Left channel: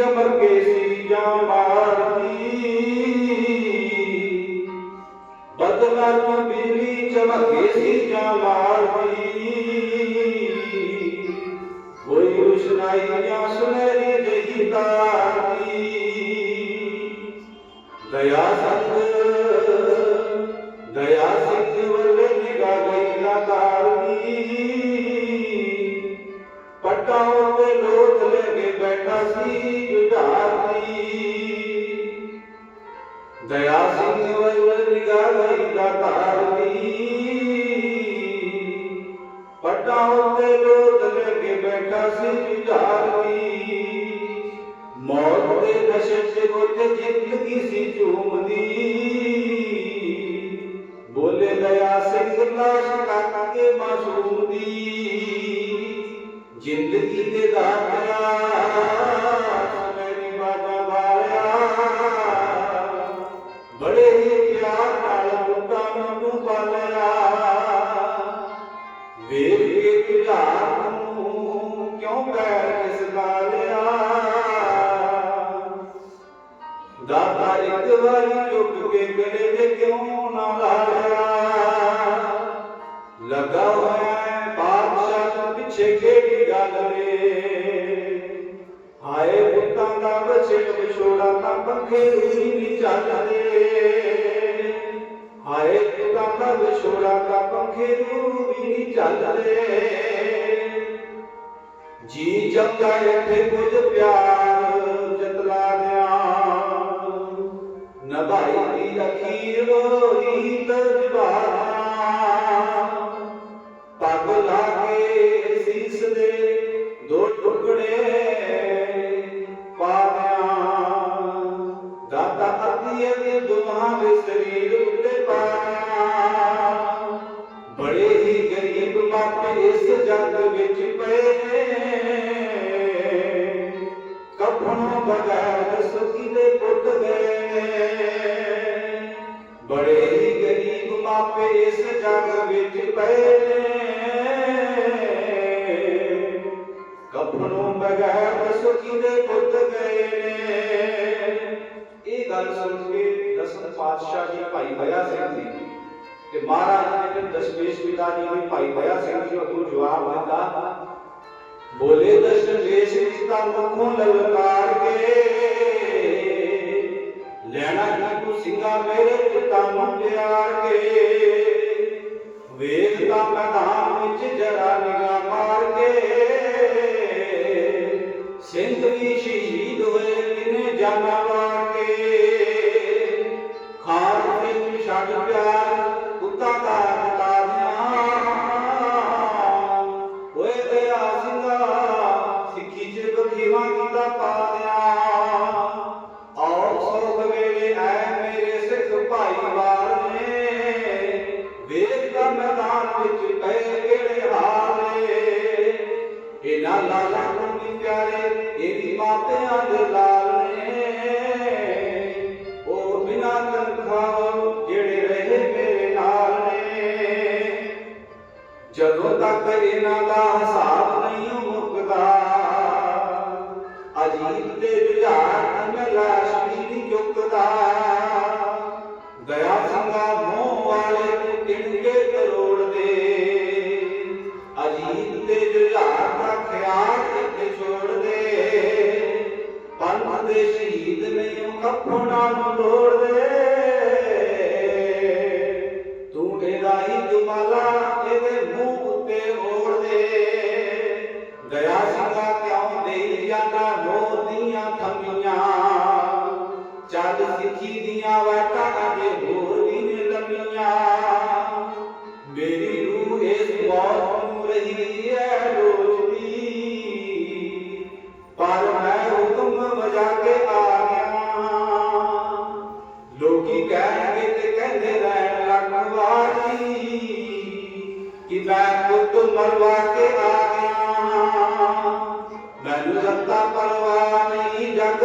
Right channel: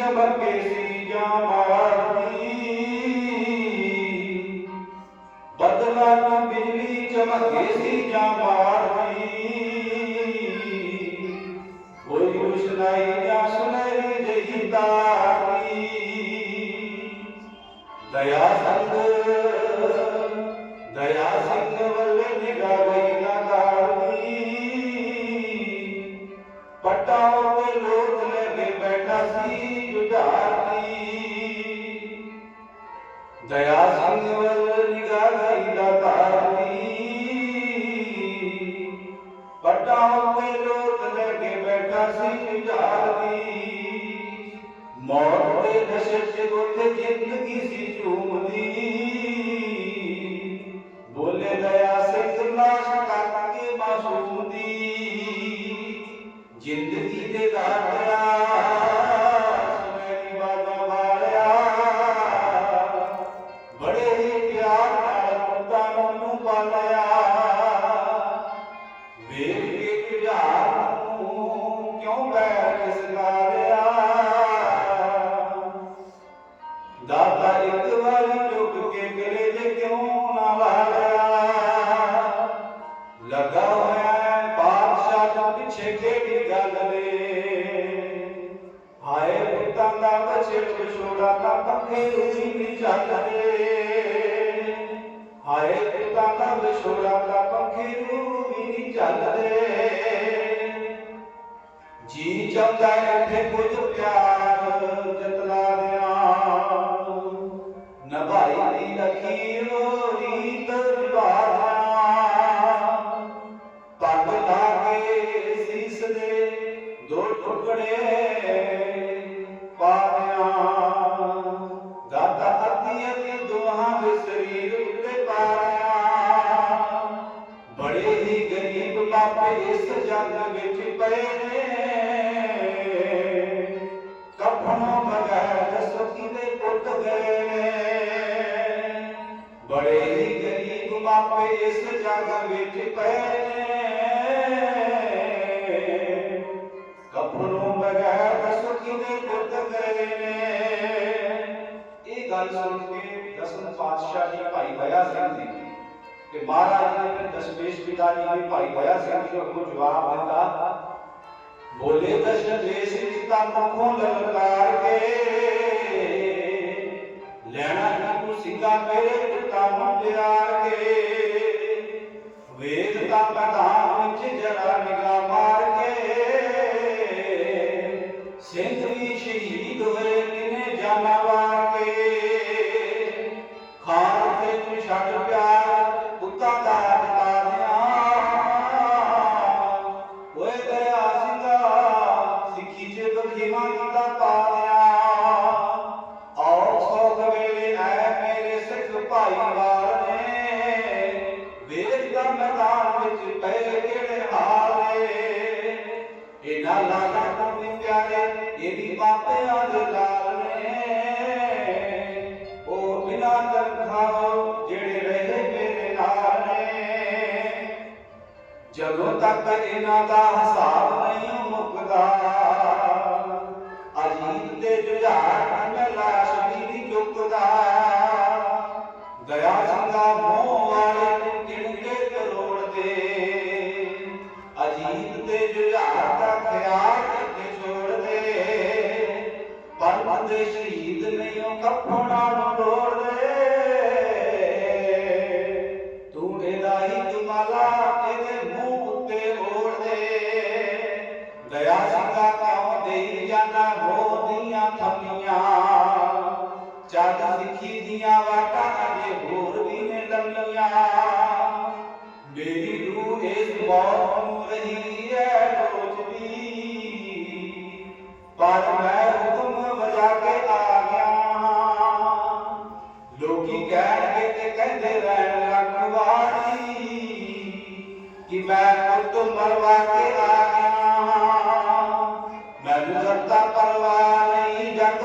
ਚਮਕੇ ਸੀ ਜਾਂ ਮਾਰਦੀ ਬਦਲਾ ਚ ਬਿਜਲੀ ਚਮਕੇ ਸੀ ਜਾਂ ਮਾਰਦੀ ਕੋਈ ਰੁਸ਼ਨਾਈ ਜਾਂ ਸੁਨਹਿਰੀ ਜਹੀ ਤਾਰ ਦੀ ਦਇਆ ਸੰਗ ਦਇਆ ਸਿੰਘ ਵੱਲੇ ਨਿਗਾਹ ਸੀ ਝੂਮਦੀ। ਬੋਲੇ ਦਇਆ ਸਿੰਘ ਲਾਸ਼ ਕੱਟ ਮਾਸੂਮ ਦੀ ਜ਼ਿੰਦਗੀ ਦੇ ਦਾਤਿਆ ਮੇਰੀ ਦਾਦਾ ਇੱਕ ਵਾਰੀ ਝੁਕ ਕੇ ਮਿਲੇ ਜੇ ਕਿਉਂ ਨਾ ਲਾਇਆ। ਲਗਾ ਹੋਇਆ ਹੈ ਬਾਦਸ਼ਾਹ ਦਾ ਪਿੱਛੇ ਕਿਹੜੀ ਗੱਲ ਰੇ ਹਾਏ ਪੁੱਤਾਂ ਦਾ ਬਚੇ ਵਿਛੋੜਾ ਤਾਂ ਪੱਖੇ ਰੂਹੀ ਨਹੀਂ ਚੱਲਦੇ ਹਾਏ ਪੁੱਤਾਂ ਦਾ ਵਿਛੋੜਾ ਤਾਂ ਪੱਖੇ ਰੂਹੀ ਨਹੀਂ ਚੱਲਦੇ ਜੀ ਚਾਹੁੰਦਾ ਇੱਥੇ ਕੁਝ ਪਿਆਰ, ਜਤਲਾ ਦਿਆਂ ਗਰੀਬ ਇਸ ਜੰਗ ਵਿੱਚ ਪਏ ਨੇ। ਕਫਨੋਂ ਬਗੈਰ ਸੁਖੀ ਪੁੱਤ ਗਏ ਨੇ। ਬੜੇ ਹੀ ਗਰੀਬ ਮਾਪੇ ਇਸ ਜੰਗ ਵਿੱਚ ਪਏ ਨੇ। ਕਫਨੋਂ ਬਗੈਰ ਸੁਖੀ ਦੇ ਪੁੱਤ ਗਏ ਨੇ। ਇਹ ਗੱਲ ਸੁਣ ਕੇ ਦਸਮ ਪਾਤਸ਼ਾਹ ਜੀ ਭਾਈ ਭਇਆ ਸਿੰਘ ਜੀ ਤੇ ਮਹਾਰਾਜ ਨੇ ਫਿਰ ਦਸ਼ਮੇਸ਼ ਪਿਤਾ ਜੀ ਨੇ ਭਾਈ ਭਇਆ ਸਿੰਘ ਜੀ ਨੂੰ ਜਵਾਬ ਦਿੱਤਾ, ਬੋਲੇ ਦਸ਼ਮੇਸ਼ ਪਿਤਾ ਮੁਖੋਂ ਲਲਕਾਰ ਕੇ। ਲੈਣਾ ਨਾ ਸਿੰਘਾ ਮੇਰੇ ਪਿਤਾ ਨੂੰ ਪਿਆਰ ਕੇ। ਵੇਖ ਤਾਂ ਮੈਦਾਨ ਵਿੱਚ ਜਰਾ ਨਿਗਾਹ ਮਾਰ ਕੇ। ਸਿੰਘ ਵੀ ਸ਼ਹੀਦ ਹੋਏ ਕਿਨੇ ਜਾਨਾਂ ਸਿੱਖੀ ਕੀਤਾ ਪਾ ਦਿਆਂ ਆਓ ਵੇਲੇ ਐ ਮੇਰੇ ਸਿੱਖ ਭਾਈਵਾਰ ਨੇ ਵੇਖ ਦਾ ਮੈਦਾਨ ਵਿੱਚ ਪਏ ਕਿਹੜੇ ਹਾਲ ਇਹਨਾਂ ਲਾਲਾਂ ਨੂੰ ਪਿਆਰੇ ਇਹ ਮਾਪਿਆਂ ਦੇ ਲਾਲ ਨੇ ਉਹ ਬਿਨਾਂ ਤਨਖਾਹ ਜਿਹੜੇ ਰਹੇ ਮੇਰੇ ਨਾਲ ਨੇ ਜਦੋਂ ਤੱਕ ਇਹਨਾਂ ਦਾ ਨਹੀਂ ਉਹ ਕੱਪੜਾ ਨੂੰ ਤੂੰ ਇਹਦਾ ਹੀ ਦੁਮਾਲਾ ਇਹਦੇ ਮੂੰਹ ਉੱਤੇ ਓੜ ਦੇ। ਦਇਆ ਸਿੰਘਾ ਕਿਉਂ ਦੇਈ ਜਾਂਦਾ ਮੋਹ ਦੀਆਂ ਥੰਮੀਆਂ ਚੱਲ ਸਿੱਖੀ ਦੀਆਂ ਵਾਟਾਂ ਅਜੇ ਹੋਰ ਵੀ ਨੇ ਲੰਮੀਆਂ। ਮੇਰੀ ਰੂਹ ਇਸ ਮੌਤ